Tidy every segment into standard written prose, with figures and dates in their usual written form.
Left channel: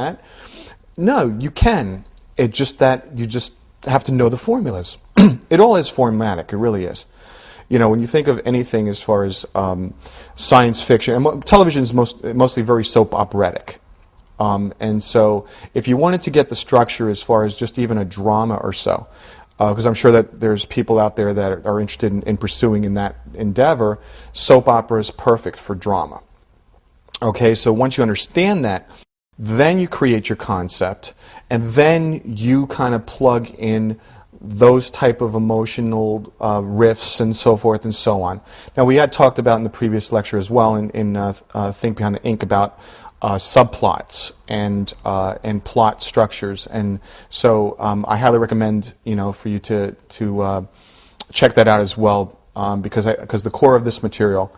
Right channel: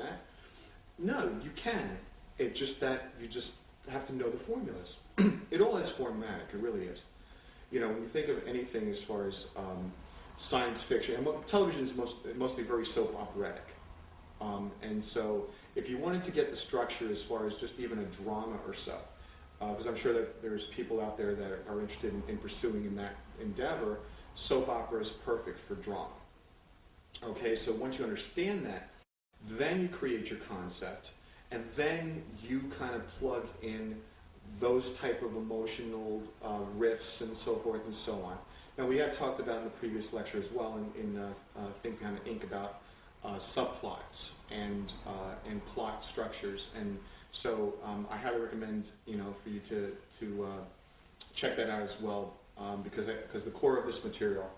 that. No, you can. It's just that you just have to know the formulas. It all is formatic, it really is. You know, when you think of anything as far as science fiction, and television is mostly very soap operatic. And so if you wanted to get the structure as far as just even a drama or so, because I'm sure that there's people out there that are interested in pursuing in that endeavor, soap opera is perfect for drama. Okay, so once you understand that, then you create your concept, and then you kind of plug in those type of emotional riffs and so forth and so on. Now, we had talked about in the previous lecture as well in Think Behind the Ink about subplots and plot structures, and so I highly recommend for you to check that out as well, because the core of this material,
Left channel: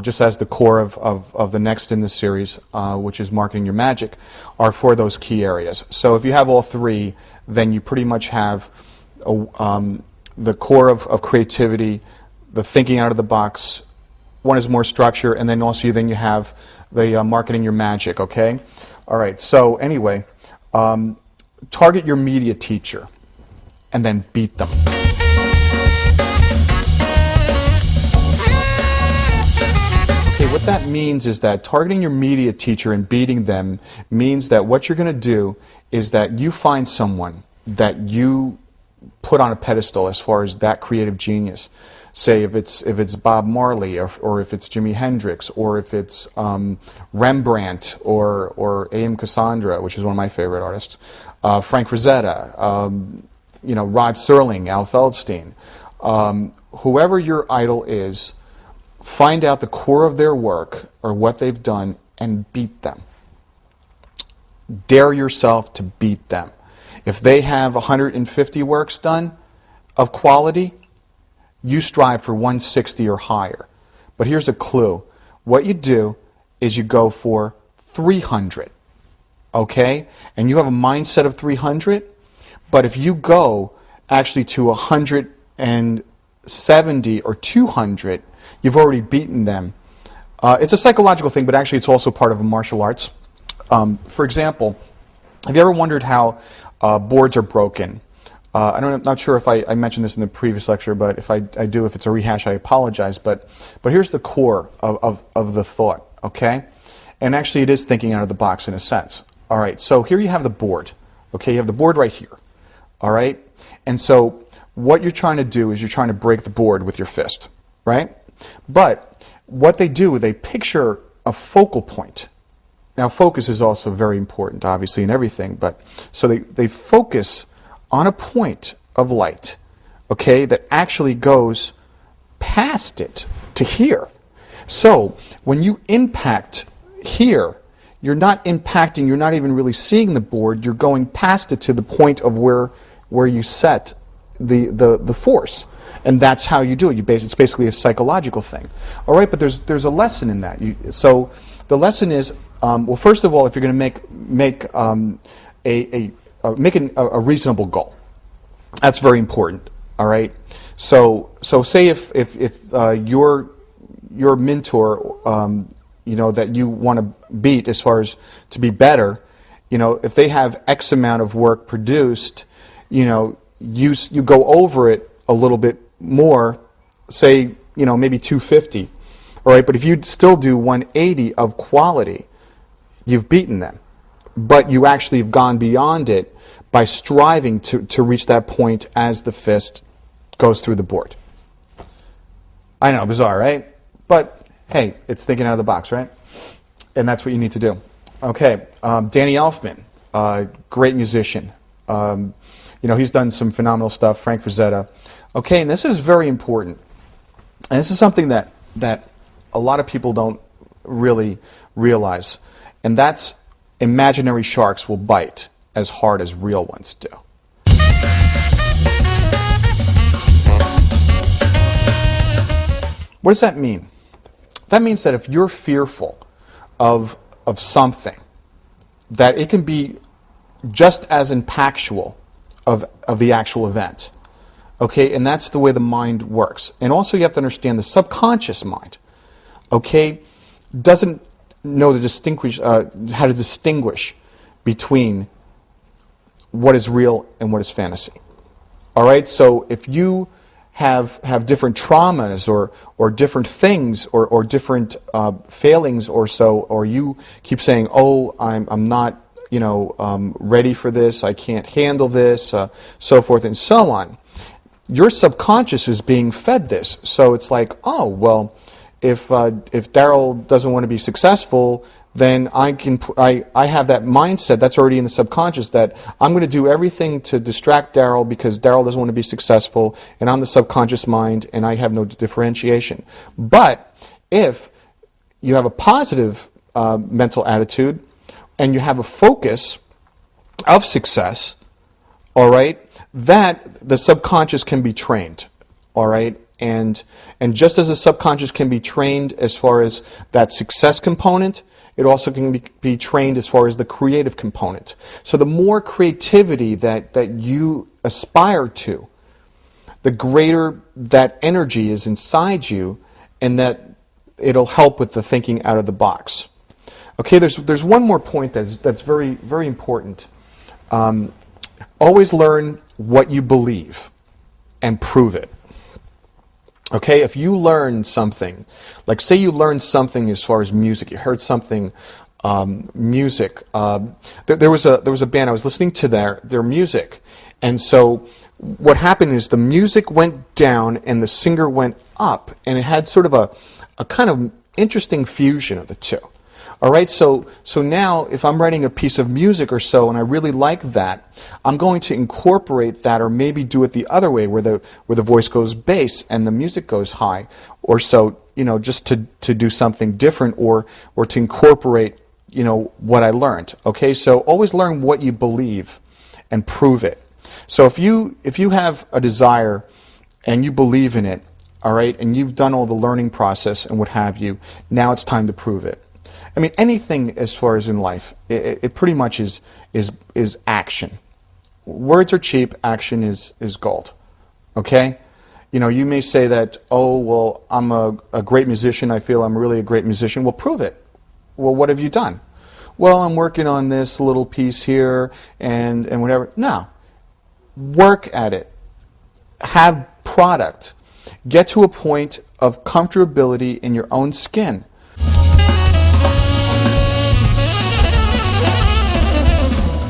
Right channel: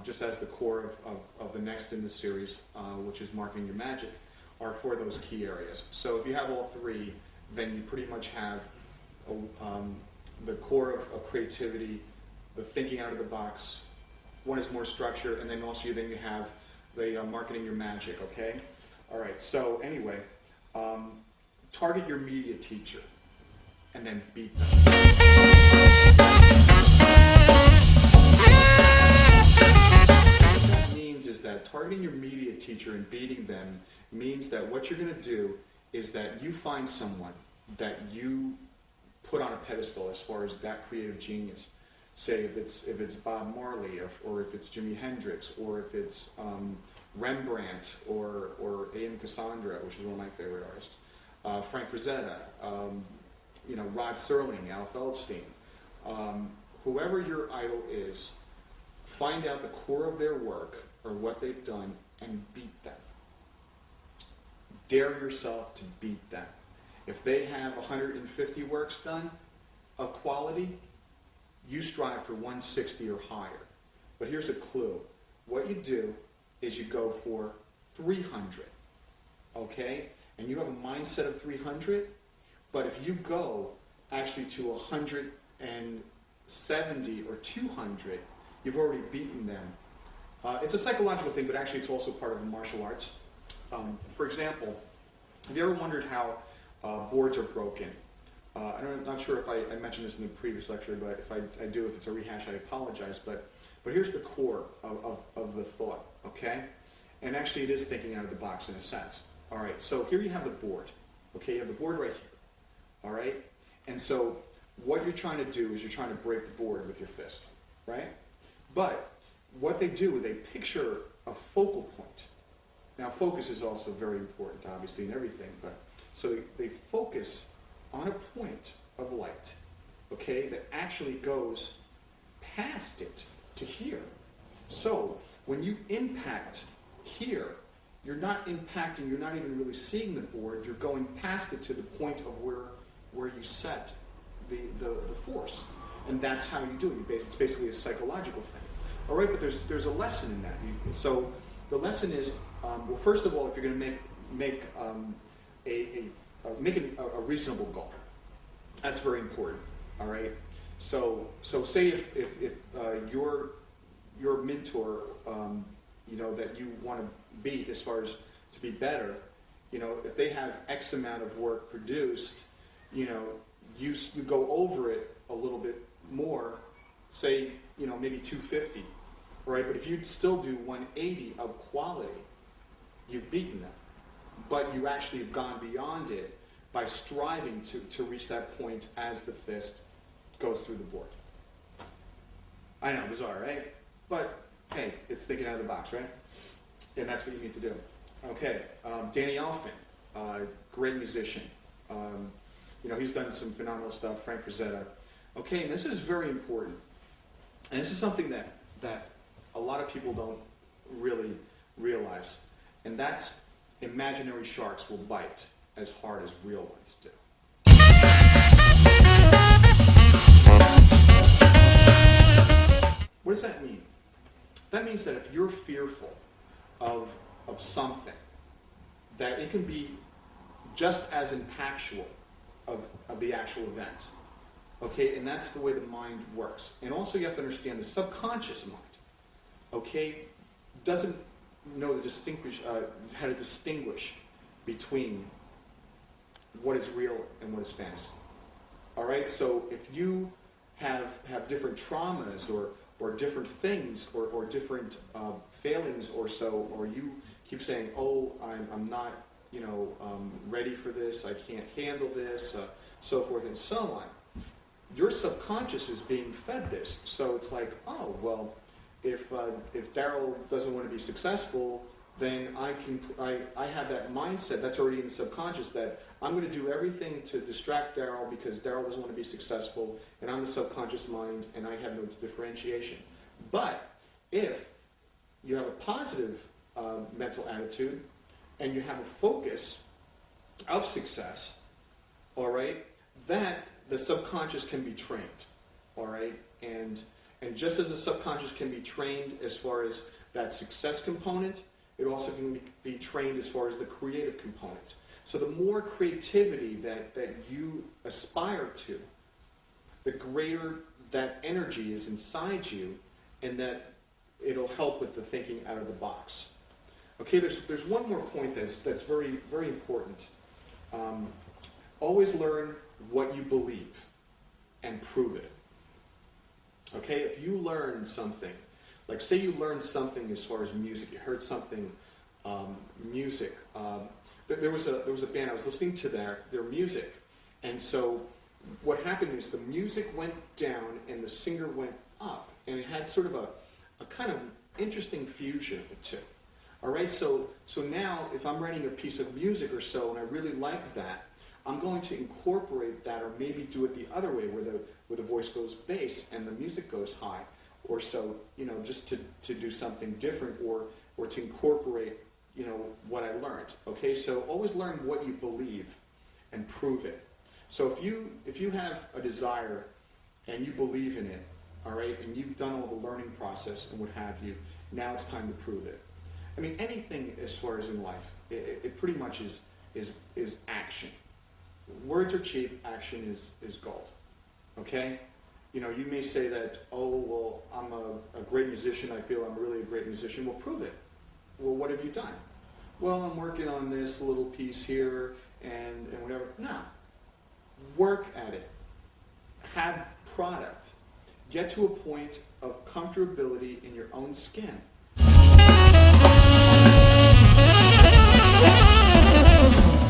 just as the core of the next in this series, which is Marketing Your Magic, are for those key areas. So if you have all three, then you pretty much have the core of creativity, the thinking out of the box. One is more structure, and then also you have the Marketing Your Magic, okay? All right, so anyway, target your media teacher and then beat them. What that means is that targeting your media teacher and beating them means that what you're going to do is that you find someone that you put on a pedestal as far as that creative genius. Say if it's Bob Marley, or if it's Jimi Hendrix, or if it's Rembrandt, or A.M. Cassandra, which is one of my favorite artists, Frank Frazetta, Rod Serling, Al Feldstein, whoever your idol is, find out the core of their work or what they've done and beat them. Dare yourself to beat them. If they have 150 works done of quality, you strive for 160 or higher. But here's a clue. What you do is you go for 300, okay? And you have a mindset of 300, but if you go actually to 170 or 200, you've already beaten them. It's a psychological thing, but actually it's also part of martial arts. For example, have you ever wondered how boards are broken? I'm not sure if I mentioned this in the previous lecture, but if I do, if it's a rehash, I apologize. But here's the core of the thought, okay? And actually it is thinking out of the box in a sense. All right, so here you have the board. Okay, you have the board right here. All right? And so what you're trying to do is you're trying to break the board with your fist, right? But what they do, they picture a focal point. Now, focus is also very important, obviously, in everything. But so they focus on a point of light, okay, that actually goes past it to here. So when you impact here, you're not impacting, you're not even really seeing the board, you're going past it to the point of where you set the force. And that's how you do it. It's basically a psychological thing. All right, but there's a lesson in that. So the lesson is, well, first of all, if you're going to make a reasonable goal, that's very important. All right. So say if your mentor, that you want to beat as far as to be better, if they have X amount of work produced, you go over it a little bit more, say maybe 250. All right. But if you still do 180 of quality, you've beaten them. But you actually have gone beyond it by striving to reach that point as the fist goes through the board. I know, bizarre, right? But hey, it's thinking out of the box, right? And that's what you need to do. Okay, Danny Elfman, great musician. He's done some phenomenal stuff. Frank Frazetta. Okay, and this is very important. And this is something that a lot of people don't really realize. And that's imaginary sharks will bite as hard as real ones do. What does that mean? That means that if you're fearful of something, that it can be just as impactful of the actual event. Okay, and that's the way the mind works. And also you have to understand the subconscious mind, okay, doesn't know how to distinguish between what is real and what is fantasy. All right, so if you have different traumas or different things or different failings or so, or you keep saying, oh, I'm not ready for this, I can't handle this, so forth and so on, your subconscious is being fed this. So it's like, oh, well, if Darryl doesn't want to be successful, then I have that mindset that's already in the subconscious that I'm going to do everything to distract Darryl because Darryl doesn't want to be successful, and I'm the subconscious mind, and I have no differentiation. But if you have a positive mental attitude and you have a focus of success, all right, that the subconscious can be trained, all right? And just as the subconscious can be trained as far as that success component, it also can be trained as far as the creative component. So the more creativity that you aspire to, the greater that energy is inside you, and that it'll help with the thinking out of the box. Okay, there's one more point that's very, very important. Always learn what you believe and prove it. Okay, if you learn something, like say you learned something as far as music, you heard something, music. There was a band, I was listening to their music, and so what happened is the music went down and the singer went up, and it had sort of a kind of interesting fusion of the two. All right, so now if I'm writing a piece of music or so and I really like that, I'm going to incorporate that, or maybe do it the other way where the voice goes bass and the music goes high, or so, just to do something different, or to incorporate what I learned. Okay, so always learn what you believe and prove it. So if you have a desire and you believe in it, all right, and you've done all the learning process and what have you, now it's time to prove it. I mean, anything as far as in life, it pretty much is action. Words are cheap, action is gold. Okay? You may say that, oh, well, I'm a great musician, I feel I'm really a great musician. Well, prove it. Well, what have you done? Well, I'm working on this little piece here and whatever. No. Work at it. Have product. Get to a point of comfortability in your own skin.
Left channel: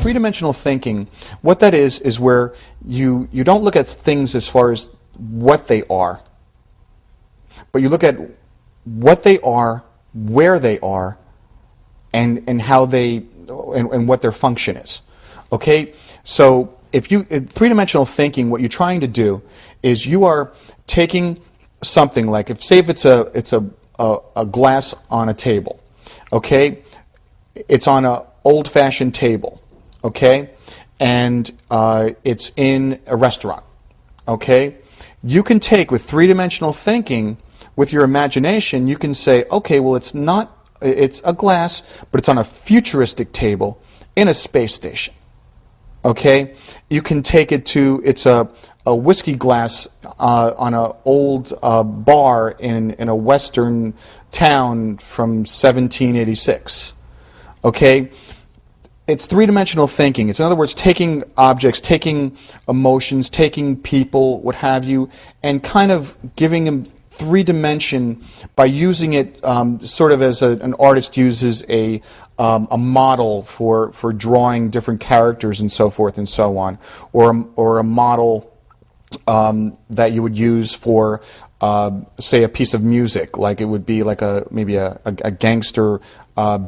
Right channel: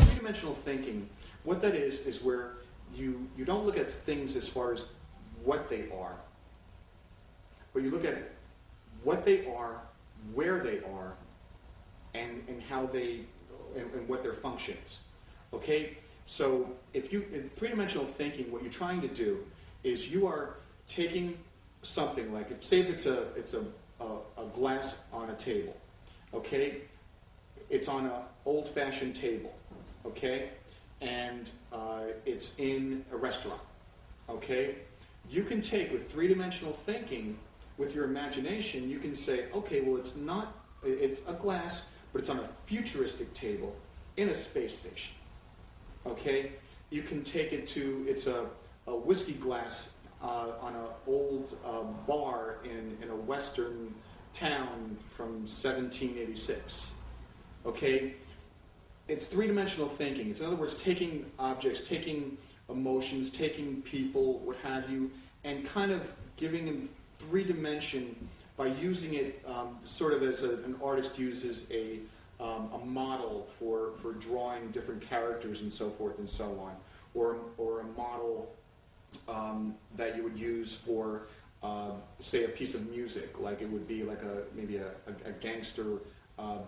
Three-dimensional thinking, what that is where you don't look at things as far as what they are, but you look at what they are, where they are, and how they and what their function is. Okay, so in three-dimensional thinking, what you're trying to do is you are taking something like, if it's a glass on a table. Okay, it's on an old-fashioned table. Okay, and it's in a restaurant. Okay, you can take, with three-dimensional thinking, with your imagination, you can say, okay, well, it's a glass, but it's on a futuristic table in a space station. Okay, you can take it to, it's a whiskey glass on an old bar in a western town from 1786. Okay, it's three-dimensional thinking. It's, in other words, taking objects, taking emotions, taking people, what have you, and kind of giving them three-dimension by using it sort of as an artist uses a model for drawing different characters and so forth and so on, or a model that you would use for, say, a piece of music, like it would be like maybe a gangster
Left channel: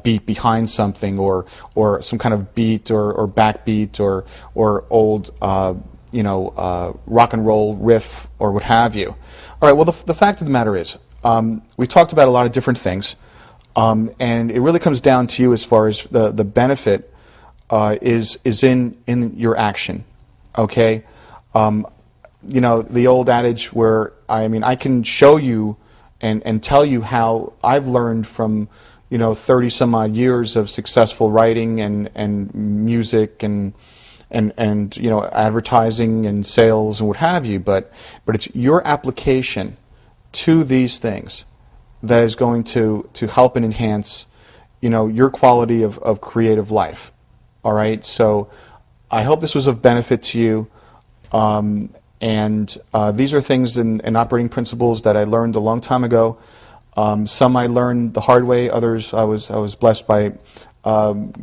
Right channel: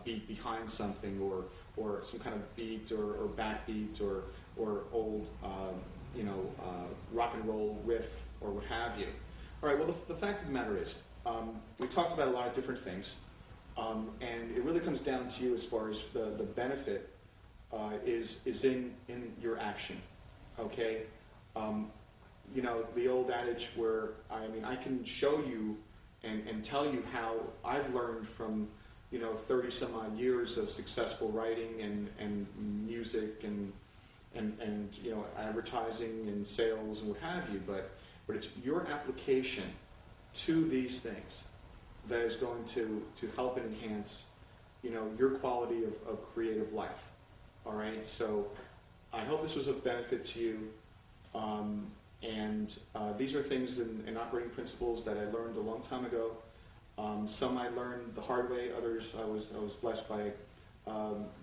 beat behind something, or some kind of beat or backbeat, or old rock and roll riff, or what have you. All right. Well, the fact of the matter is, we talked about a lot of different things, and it really comes down to you as far as the benefit is in your action. Okay. The old adage where I can show you and tell you how I've learned from 30 some odd years of successful writing and music and advertising and sales and what have you, but it's your application to these things that is going to help and enhance your quality of creative life. All right, so I hope this was of benefit to you. And these are things and operating principles that I learned a long time ago. Some I learned the hard way. Others I was blessed by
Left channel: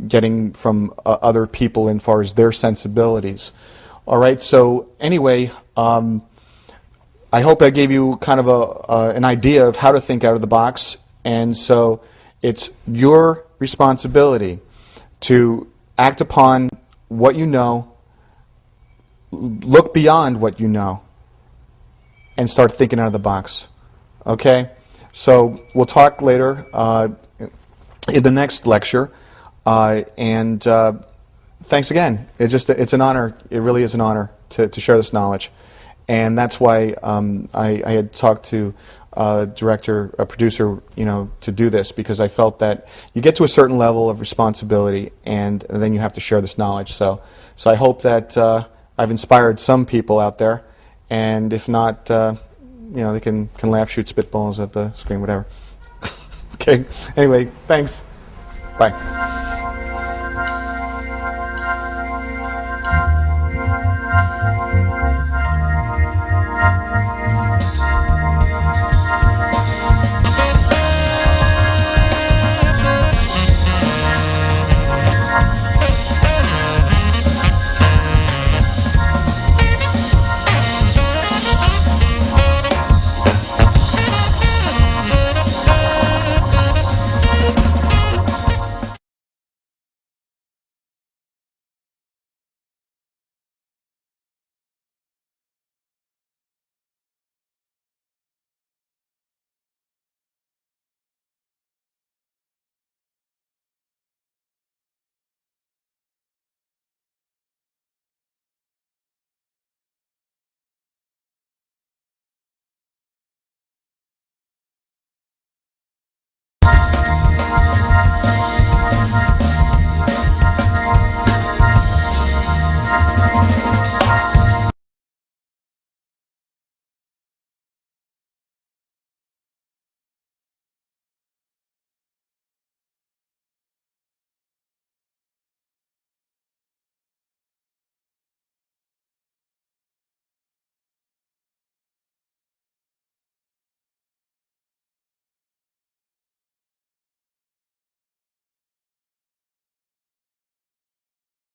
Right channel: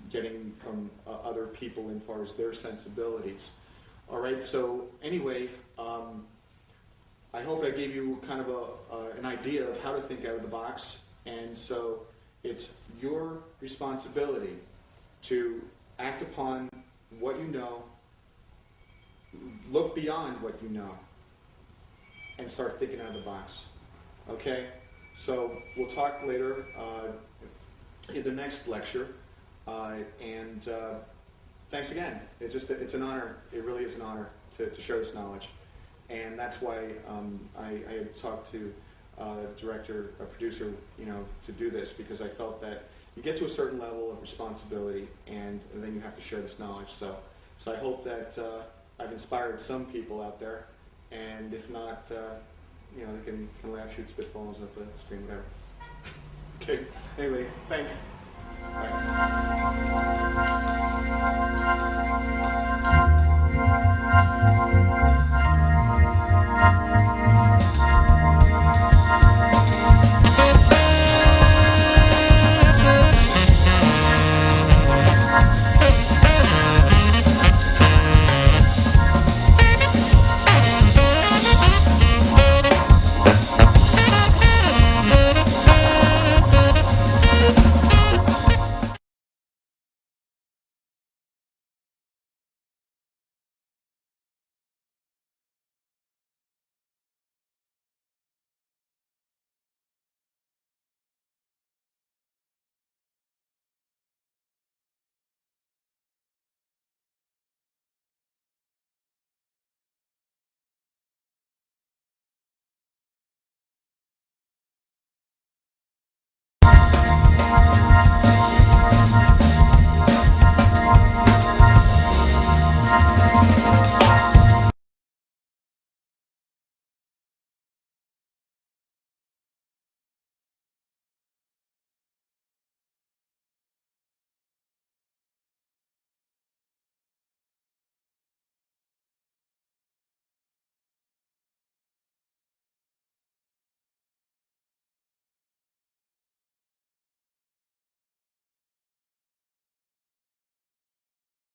getting from other people as far as their sensibilities. All right. So anyway, I hope I gave you kind of an idea of how to think out of the box. And so it's your responsibility to act upon what you know, look beyond what you know, and start thinking out of the box. Okay? So we'll talk later in the next lecture. And thanks again. It's an honor. It really is an honor to share this knowledge. And that's why I had talked to director, a producer, to do this, because I felt that you get to a certain level of responsibility, and then you have to share this knowledge. So I hope that I've inspired some people out there, and if not, they can laugh, shoot spitballs at the screen, whatever. Okay. Anyway, thanks. Bye.